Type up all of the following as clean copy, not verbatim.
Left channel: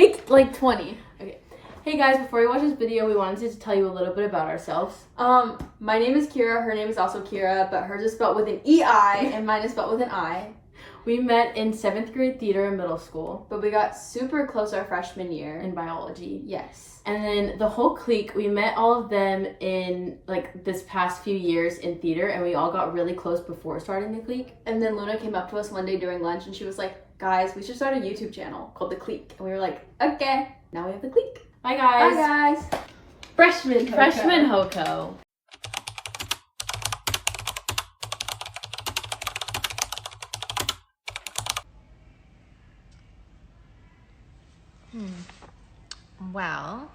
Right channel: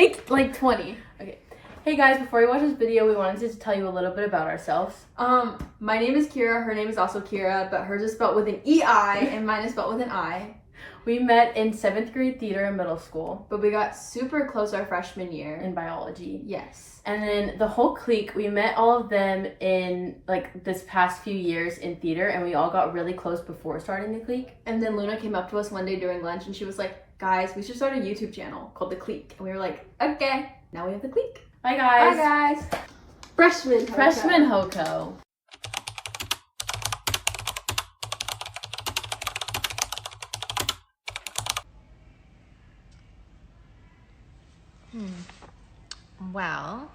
Take like 20. Okay. Hey guys, before we watch this video, we wanted to tell you a little bit about ourselves. My name is Keira. Her name is also Keira, but hers is spelled with an E-I and mine is spelled with an I. We met in 7th grade theater in middle school. But we got super close our freshman year. In biology. Yes. And then the whole clique, we met all of them in like this past few years in theater, and we all got really close before starting the clique. And then Luna came up to us one day during lunch and she was like, guys, we should start a YouTube channel called The Clique. And we were like, okay, now we have The Clique. Bye guys. Bye guys. Freshman Hoko. Well.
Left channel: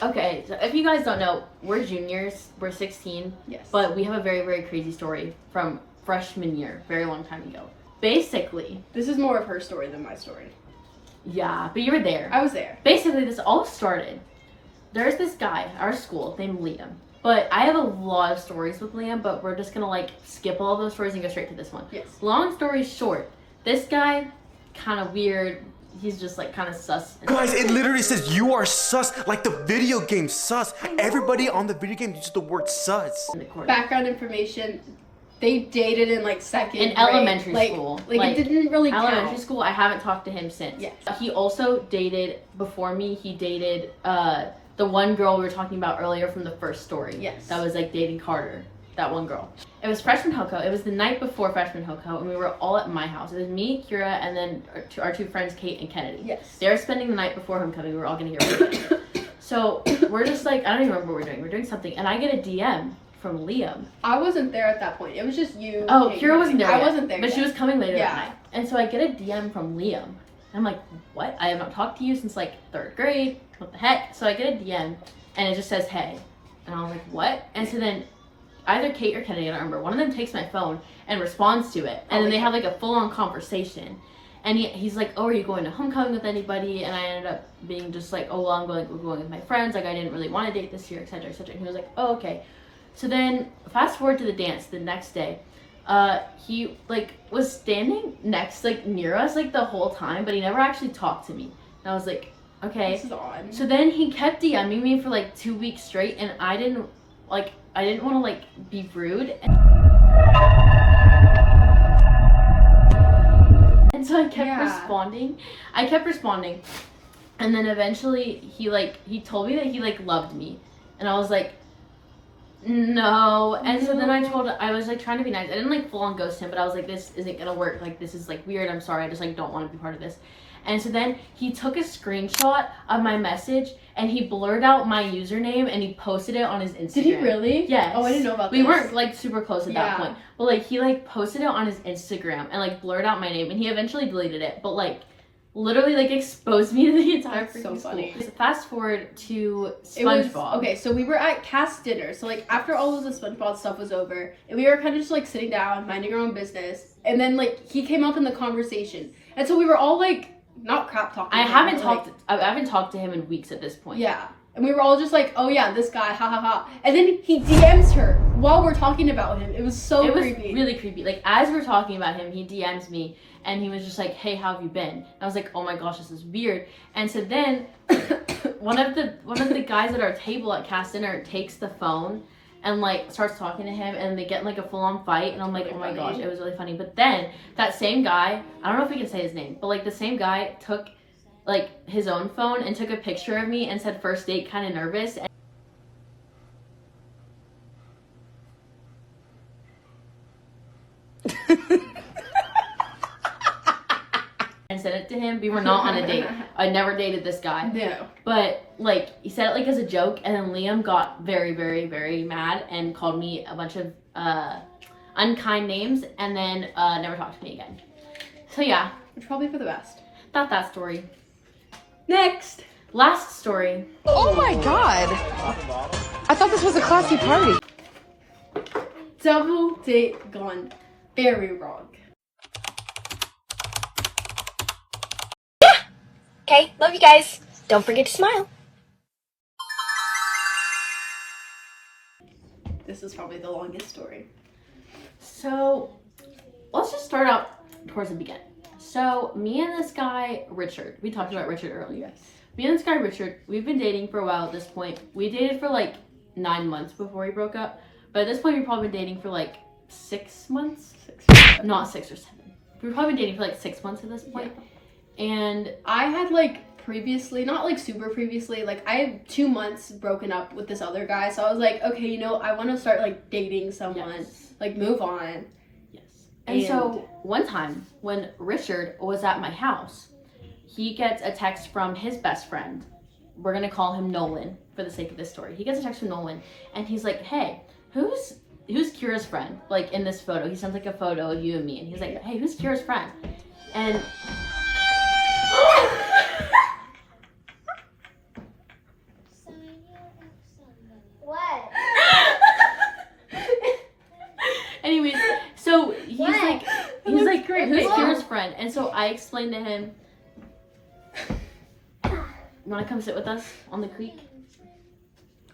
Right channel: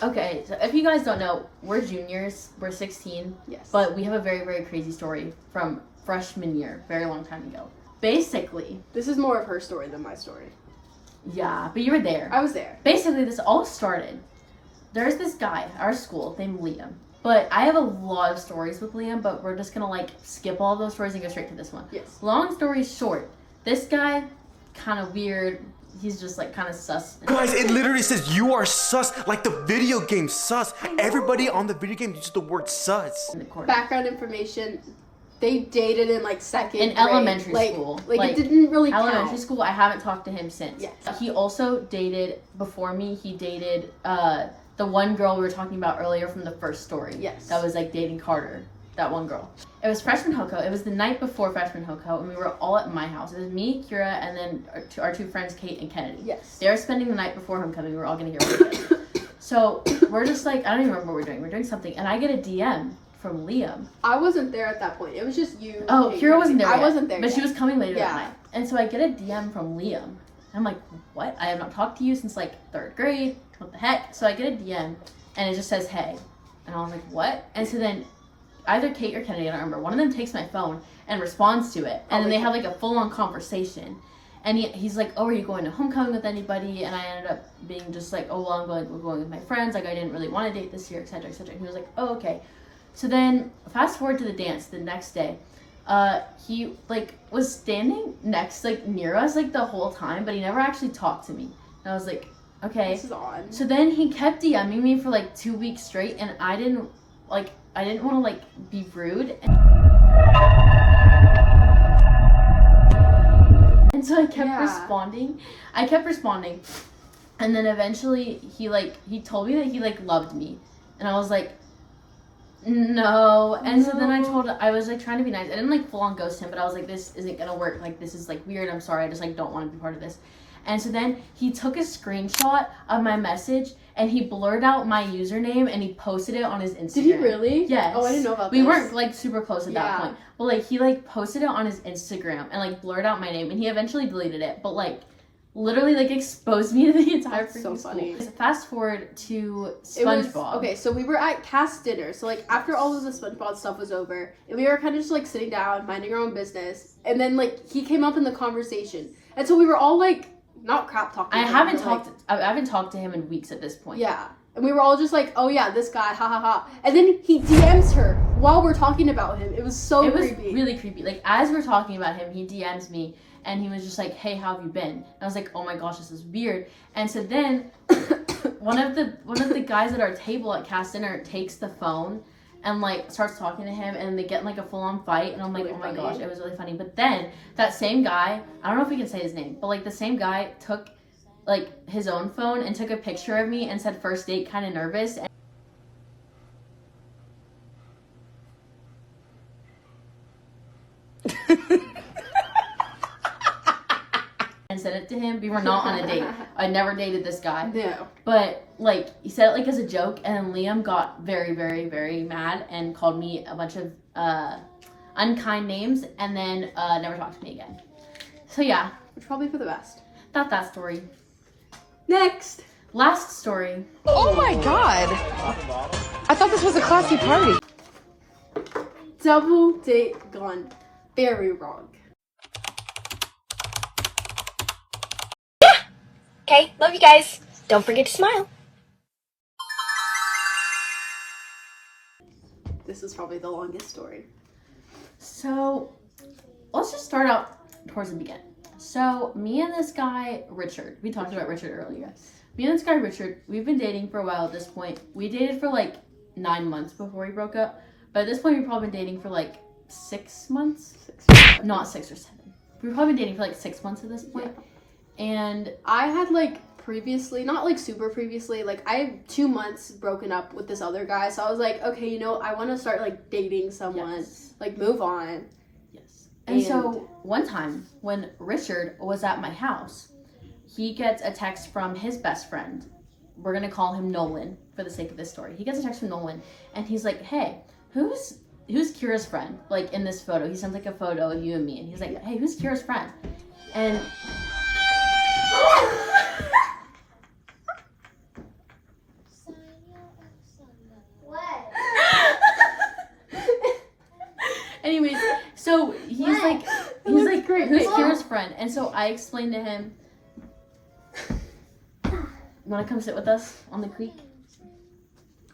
Okay, so if you guys don't know, we're juniors, we're 16. Yes. But we have a very, very crazy story from freshman year, very long time ago. Basically. This is more of her story than my story. Yeah, but you were there. I was there. Basically, this all started. There's this guy at our school named Liam. But I have a lot of stories with Liam, but we're just gonna like skip all those stories and go straight to this one. Yes. Long story short, this guy, kind of weird. He's just like kind of sus. Guys, it literally says you are sus, like the video game sus. Everybody on the video game uses the word sus. Background information. They dated in like second in grade. elementary school. Like it didn't really count. Elementary school, I haven't talked to him since. Yes. He also dated, before me, he dated the one girl we were talking about earlier from the first story. Yes. That was like dating Carter. That one girl. It was freshman Hoko. It was the night before freshman Hoko, and we were all at my house. It was me, Keira, and then our two friends, Kate and Kennedy. Yes. They were spending the night before homecoming. We were all getting here weekend. So we're just like, I don't even remember what we're doing. We're doing something, and I get a DM from Liam. I wasn't there at that point. It was just you. Oh, Kate, Keira wasn't there yet. I wasn't there but yet. she was coming later Yeah. that night. And so I get a DM from Liam. I'm like, what? I have not talked to you since like 3rd grade. What the heck? So I get a DM, and it just says, hey. And I was like, what? And so then either Kate or Kennedy, I don't remember, one of them takes my phone and responds to it. And then they have like a full-on conversation. And he's like, oh, are you going to homecoming with anybody? And I ended up being just like, oh, well, we're going with my friends. Like, I didn't really want to date this year, etc., etc. And he was like, oh, okay. So then fast forward to the dance the next day. He like was standing next, like near us, like the whole time, but he never actually talked to me. And I was like, okay. This is odd. So then he kept DMing me for like 2 weeks straight, and I didn't want to like be rude. And so I kept responding. And then eventually he told me that he like loved me. And I was like, no. And so then I was like trying to be nice. I didn't like full on ghost him, but I was like, this isn't gonna work. Like, this is like weird. I'm sorry. I just like don't want to be part of this. And so then he took a screenshot of my message and he blurred out my username and he posted it on his Instagram. Did he really? Yes. Oh, I didn't know about We this. weren't like super close at that point. But like he like posted it on his Instagram and like blurred out my name, and he eventually deleted it. But like literally like exposed me to the entire freaking school. Fast forward to SpongeBob. Okay, so we were at cast dinner. So like after all of the SpongeBob stuff was over, and we were kind of just like sitting down, minding our own business, and then like he came up in the conversation, and so we were all like not crap talking. I haven't talked to him in weeks at this point. Yeah. And we were all just like, oh yeah, this guy, ha ha ha. And then he DMs her while we're talking about him. It was so creepy. It was really creepy. Like, as we're talking about him, he DMs me, and he was just like, hey, how have you been? And I was like, oh my gosh, this is weird. And so then one of the guys at our table at cast dinner takes the phone and like starts talking to him, and they get in like a full-on fight, and I'm like, really, oh my gosh, it was really funny. But then that same guy, I don't know if we can say his name, but like the same guy took like his own phone and took a picture of me and said first date, kind of nervous. And sent it to him. We were not on a date. I never dated this guy. No. But like he said it like as a joke, and then Liam got very, very, very mad and called me a bunch of unkind names, and then never talked to me again. So yeah. Which probably for the best. That story. Next. Last story. Oh my god! I thought this was a classy party. Double date gone very wrong. Okay, love you guys. Don't forget to smile. This is probably the longest story. So let's just start out towards the beginning. So me and this guy, Richard, we talked about Richard earlier. Yes. me and this guy Richard, we've been dating for a while at this point. We dated for like 9 months before we broke up. But at this point, we've probably been dating for like 6 months. Not 6 or 7. We've probably been dating for like 6 months at this point. Yeah. And I had like previously, not like super previously, like I had 2 months broken up with this other guy. So I was like, okay, you know, I want to start like dating someone, like move on. Yes. And so one time when Richard was at my house, he gets a text from his best friend. We're going to call him Nolan for the sake of this story. He gets a text from Nolan and he's like, hey, who's Keira's friend? Like in this photo, he sends like a photo of you and me, and he's like, hey, who's Keira's friend? And What? anyways, so he's like, who's Keira's friend? And so I explained to him, you want to come sit with us on the creek?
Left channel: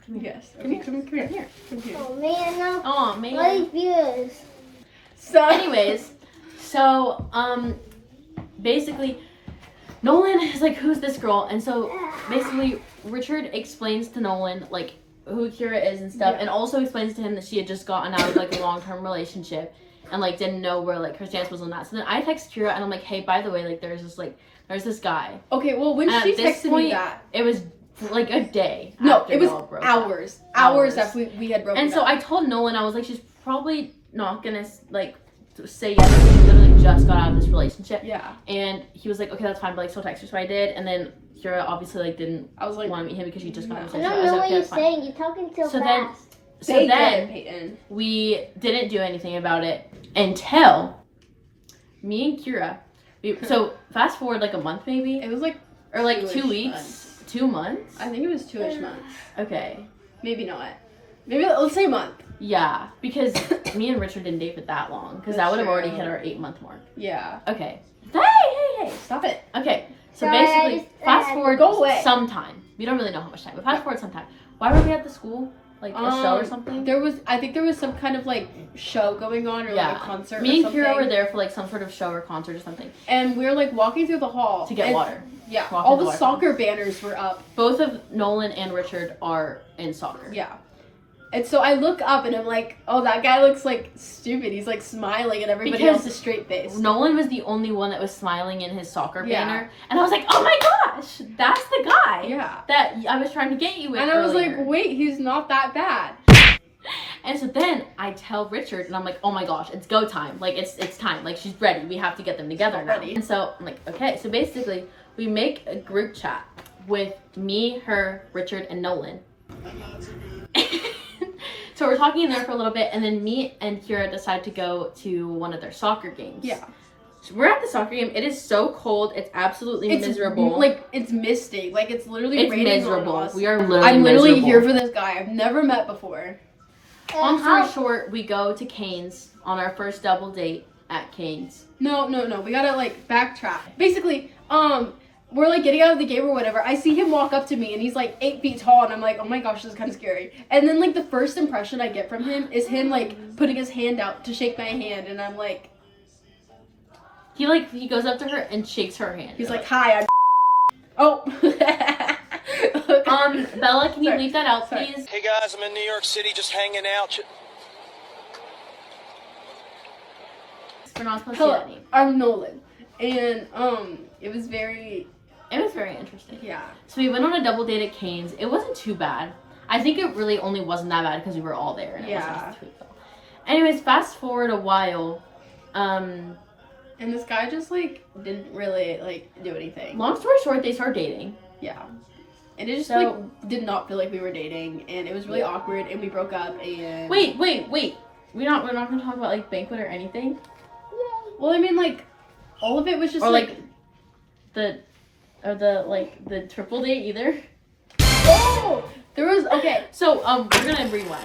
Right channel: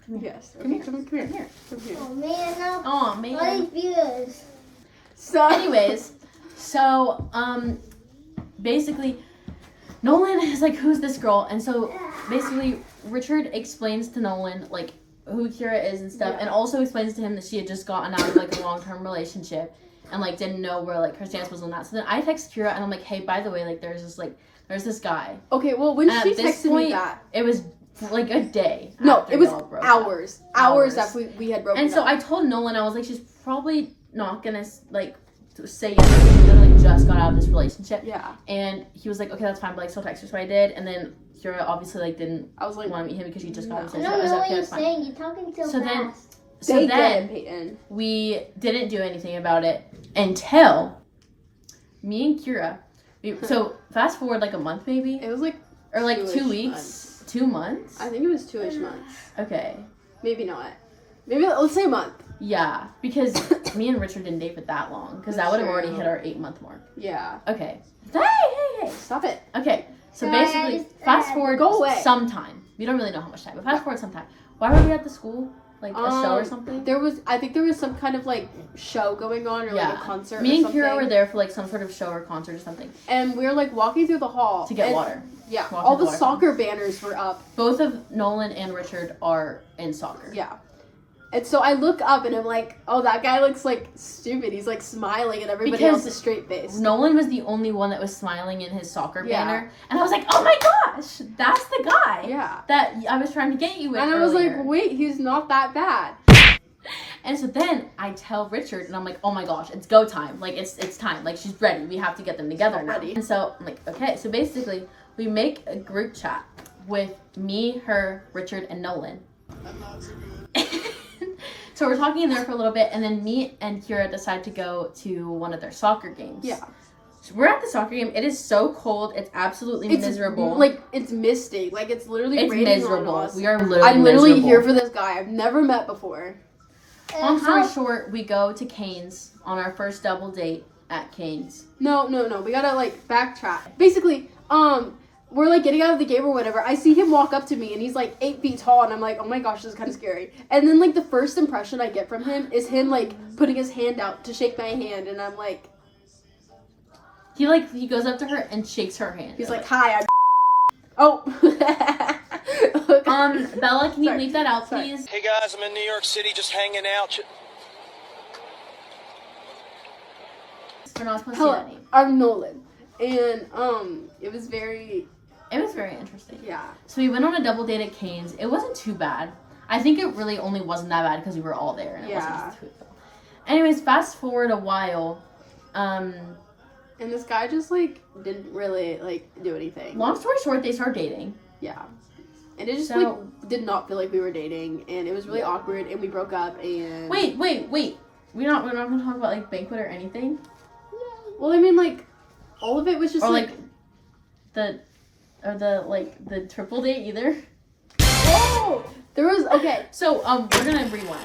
Come here. Yes. Come here. Come here. Come here. Oh man, no. Oh man. Like views. So Anyways, so basically Nolan is like, who's this girl? And so basically Richard explains to Nolan like who Keira is and stuff, and also explains to him that she had just gotten out of like a long-term relationship and like didn't know where like her stance was on that. So then I text Keira and I'm like, hey, by the way, like there's this guy. okay, well when And she at this texted point, me that, it was like a day. no, after it was y'all broke hours up. after we had broken And so up. I told Nolan, I was like, she's probably not gonna like say yes because she literally just got out of this relationship. Yeah. And he was like, okay, that's fine, but like still text her. So I did, and then Keira obviously like didn't I was like, want to meet him because she just got out of I this don't relationship. know I was what like, okay, you're that's fine. saying. You're talking too So then- fast. So they then get it, Peyton. we didn't do anything about it until me and Keira. So fast forward like a month maybe, It was like or like 2 2-ish weeks, months. 2 months. I think it was 2-ish months. Okay. Maybe not. Maybe let's say a month. Yeah, because me and Richard didn't date for that long, because that That's would have already true. hit our 8-month mark. Yeah. Okay. Hey! Stop it. Okay, so Sorry, basically, I just- fast forward Go away. sometime. We don't really know how much time, but fast forward sometime. Why were we at the school? Like a show or something? I think there was some kind of like show going on or like a concert. Me or and something. Keira were there for like some sort of show or concert or something And we were like walking through the hall to get and- water. Yeah. Walking All to the the water soccer banners were up. Both of Nolan and Richard are in soccer. Yeah. And so I look up and I'm like, oh, that guy looks like stupid. He's like smiling at everybody Because else's straight face. Nolan was the only one that was smiling in his soccer Yeah. banner, and I was like, oh my gosh, that's the guy Yeah. that I was trying to get you with And I was earlier. like, wait, he's not that bad. And so then I tell Richard, and I'm like, oh my gosh, it's go time. Like, it's time. Like, she's ready. We have to get them together now. Ready. And so I'm like, okay. So basically, we make a group chat with me, her, Richard, and Nolan. So we're talking in there for a little bit, and then me and Keira decide to go to one of their soccer games. Yeah. So we're at the soccer game. It is so cold. It's absolutely miserable. Like, it's misty. Like, it's literally it's raining miserable. on us. We are literally I'm literally miserable. here for this guy I've never met before. Long story short, we go to Cane's on our first double date at Cane's. No. We gotta, like, backtrack. Basically, we're, like, getting out of the game or whatever. I see him walk up to me, and he's, like, 8 feet tall, and I'm like, oh my gosh, this is kind of scary. And then, like, the first impression I get from him is him, like, putting his hand out to shake my hand, and I'm like... He goes up to her and shakes her hand. He's like, hi, I'm... Oh. Bella, can you Sorry. leave that out, Sorry. please? Hey guys, I'm in New York City just hanging out. We're not supposed to say that Hello, name. I'm Nolan. And, it was very... It was very interesting. Yeah. So we went on a double date at Cane's. It wasn't too bad. I think it really only wasn't that bad because we were all there and it wasn't Yeah. just the two of them. Anyways, fast forward a while. And this guy just, like, didn't really, like, do anything. Long story short, they started dating. Yeah. And it just, So- like, did not feel like we were dating. And it was really awkward. And we broke up. And... Wait. We're not gonna talk about like banquet or anything. Well, I mean, like, all of it was just, Or like the triple date either. Oh! There was... Okay. So we're gonna rewind.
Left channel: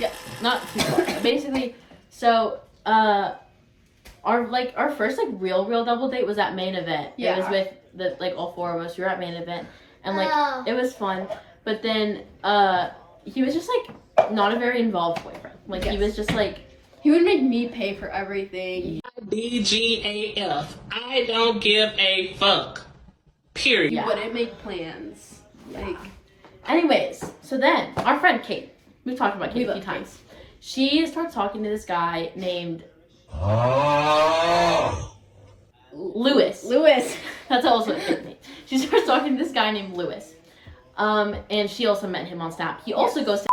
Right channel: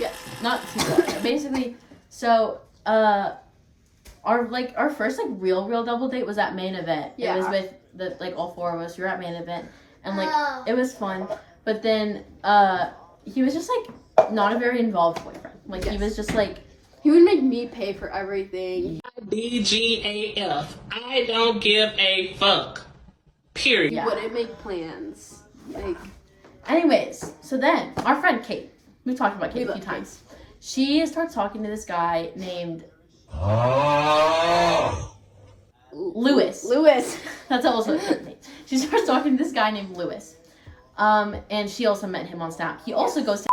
Yes. Not too far. Basically, so our first like real double date was at main event. Yeah. It was with the like all four of us. We were at main event and like Oh. it was fun. But then he was just like not a very involved boyfriend. Like he Yes. was just like He would make me pay for everything. DGAF. I don't give a fuck. Period. Yeah. Wouldn't make plans. Like, Anyways, so then our friend Kate, we've talked about Kate a few love Kate. times. She starts talking to this guy named Lewis. Lewis. That's also a fake name. She starts talking to this guy named Lewis. And she also met him on Snap. He also goes to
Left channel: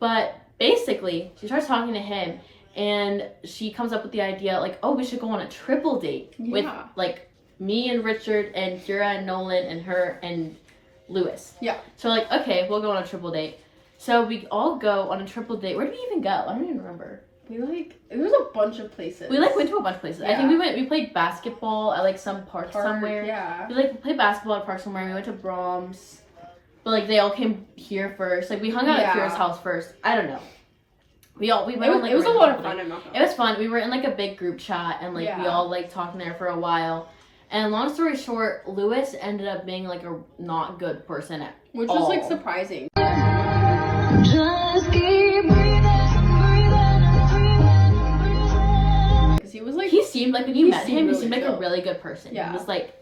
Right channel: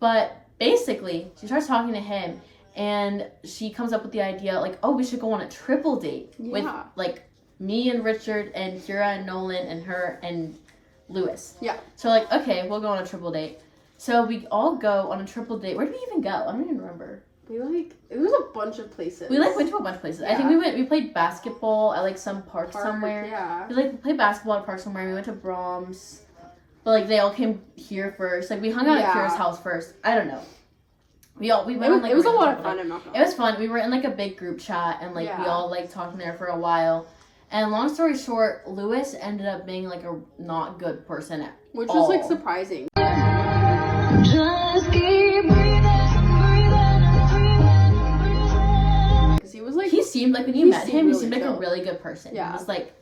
but basically, she starts talking to him and she comes up with the idea like, oh, we should go on a triple date with Yeah. like me and Richard and Keira and Nolan and her and Lewis. Yeah. So we're like, okay, we'll go on a triple date. So we all go on a triple date. Where did we even go? I don't even remember. It was a bunch of places. We went to a bunch of places. I think we played basketball at like some park somewhere. Yeah. We played basketball at a park somewhere. We went to Brahms. But like they all came here first. Like we hung out at Keira's house first. I don't know. We went on like it was a lot of triple fun. date. I'm not gonna It was fun. We were in like a big group chat and like we Yeah. all like talking there for a while. And long story short, Lewis ended up being like a not good person at Which all. was like surprising. Because he was like, He seemed like when you He met seemed him, he really seemed like a chill. really good person. Yeah. He was like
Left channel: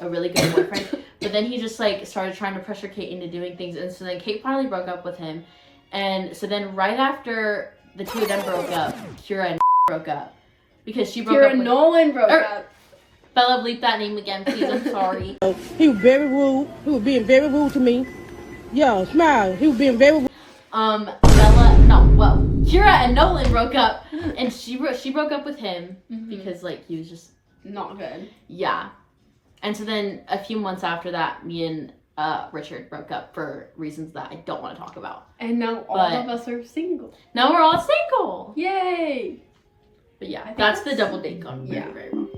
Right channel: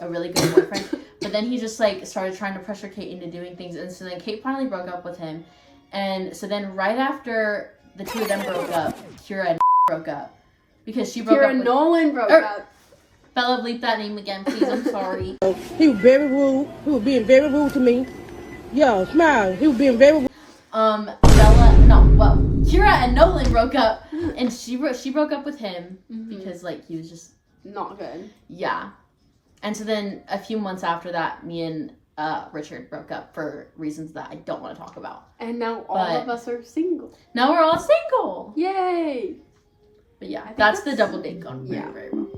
a really good boyfriend. But then he just like started trying to pressure Kate into doing things, and so then Kate finally broke up with him. And so then right after the two of them broke up, Keira and broke up because she broke Keira up and with Nolan broke up. Bella. Bleep that name again, please. I'm sorry. He was very rude. He was being very rude to me. Yo, smile. He was being very rude. Keira and Nolan broke up, and she broke up with him because like he was just Not good. yeah. And so then a few months after that, me and Richard broke up for reasons that I don't want to talk about. And now all of us are single. Now we're all single. Yay! But yeah, think that's the that's- double date gone yeah. very, very well.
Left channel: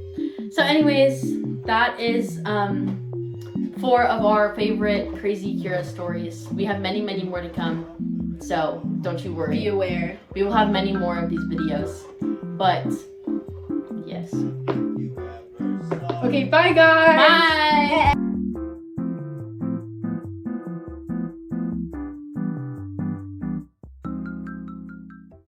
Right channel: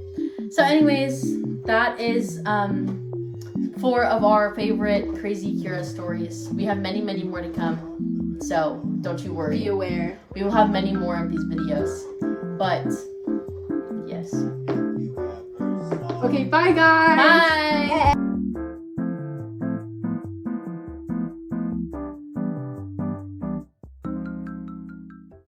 So anyways, that is 4 of our favorite Krazy Keira stories. We have many, many more to come. So don't you worry. Be aware. We will have many more of these videos. But yes. Okay, bye guys! Bye!